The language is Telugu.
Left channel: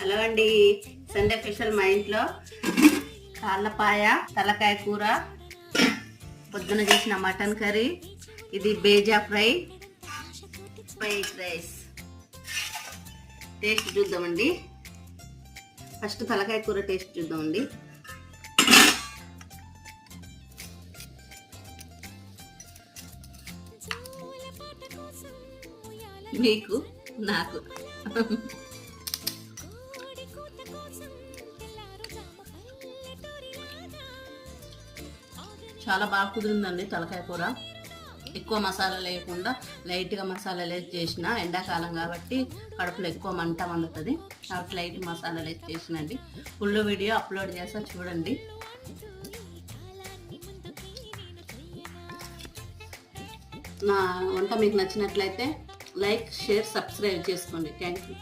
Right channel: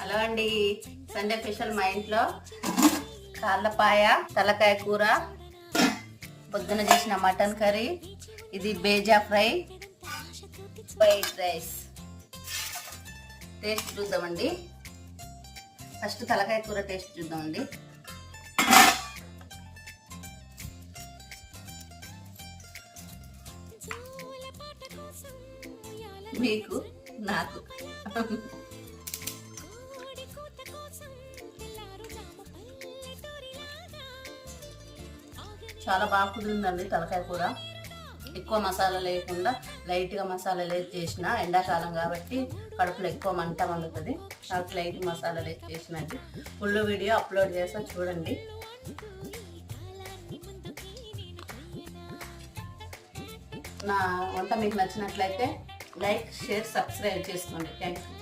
హలో అండి, సండే స్పెషల్ మా ఇంట్లో కాళ్ళపాయ, తలకాయ కూర, పొద్దున చేసిన మటన్ కర్రీ, ఇది bheja fry, white rice. Taste చూద్దామండి. ఫస్ట్ తలకాయ కూర టేస్ట్ చూద్దామండి. మీకు నాకు చాలా బాగా కుదిరిందండి తలకాయ కూర. ఎక్కువ మసాలా లేకుండా లైట్గా మసాలాలు వేసి చేసిన, ఎండాకాలం కాబట్టి కడుపులో ఎక్కువ మంట వండుతుంది కాబట్టి లైట్ మసాలాలు వేసి చేసినది. ఫుల్ వీడియో అప్లోడ్ చేస్తా చూడండి. నా వంట మీకు నచ్చినట్లయితే లైక్, షేర్, సబ్స్క్రైబ్ చేసుకోండి. Thank you.